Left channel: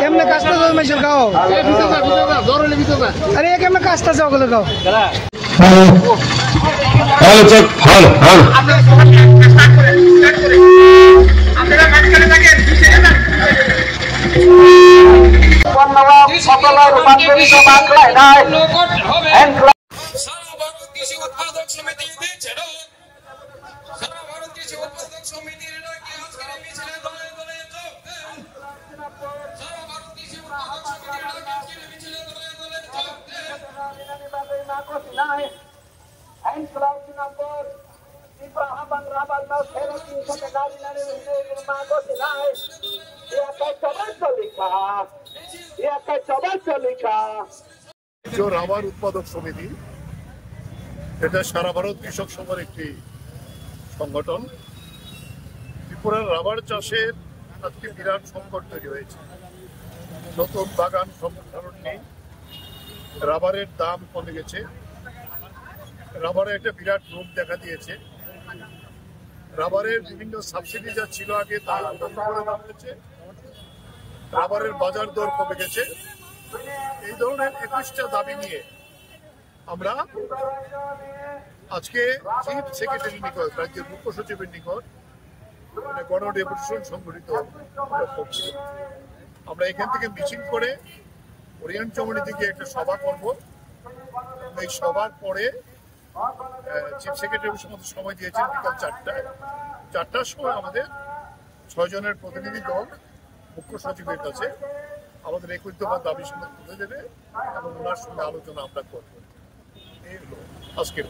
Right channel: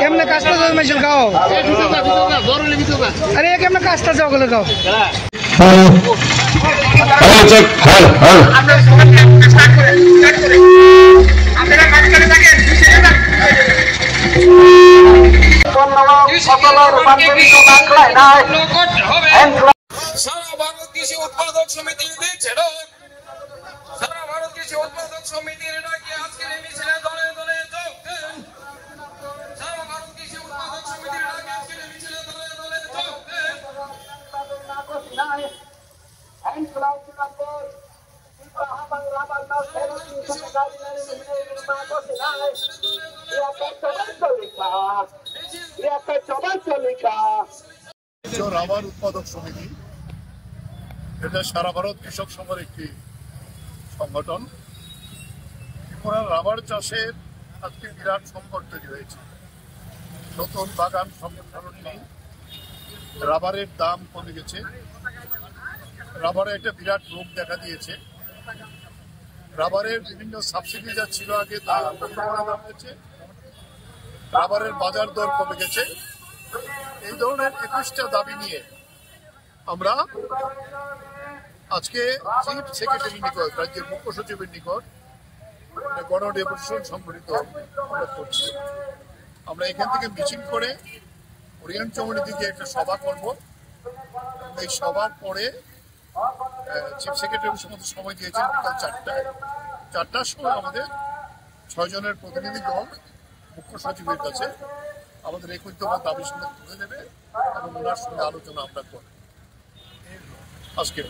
কেমনে কাজটা মেশিন খাও আরে কেমনে কাজটা যাও গেলে খাও রাবার উৎপাদক সমিতি এটা সারা ভারত কৃষক সভার একটি সংগঠন। ত্রিপুরার রাবার চাষের আজকে বিরাট সংকট তৈরি হয়েছে। নতুন বাগান সম্প্রসারণ নেই, রাবারের দাম কমে গেছে, রাবারের একটা বিরাট রোগ দেখা দিয়েছে। রাবারের বিভিন্ন সাবসিডি যা ছিল আগে তা বন্ধ করে দেওয়া হয়েছে, রাবারের বাজার দর কমে গেছে। এই ধরনের 21টা দাবি নিয়ে আমরা আজকে চিফ সেক্রেটারি নিকট, রাজ্যের মুখ্য সচিবের নিকট গণ ডেপুটেশন সংগঠিত করছি। আমরা এখান থেকে মিছিল করে ওরিয়েন্ট চৌমুহনী দিকে একটা সভা করব। এই সভার পরে চিফ সেক্রেটারি আমাদের সময় দিয়েছেন বিকাল 4টার সময় আমাদের 6 জনের প্রতিনিধি দল মুখ্য সচিবের কাছে আমাদের 21 দফা দাবি তুলে দেবে এবং ওনার সঙ্গে আলোচনা আমরা করবো। এই হলো আজকে।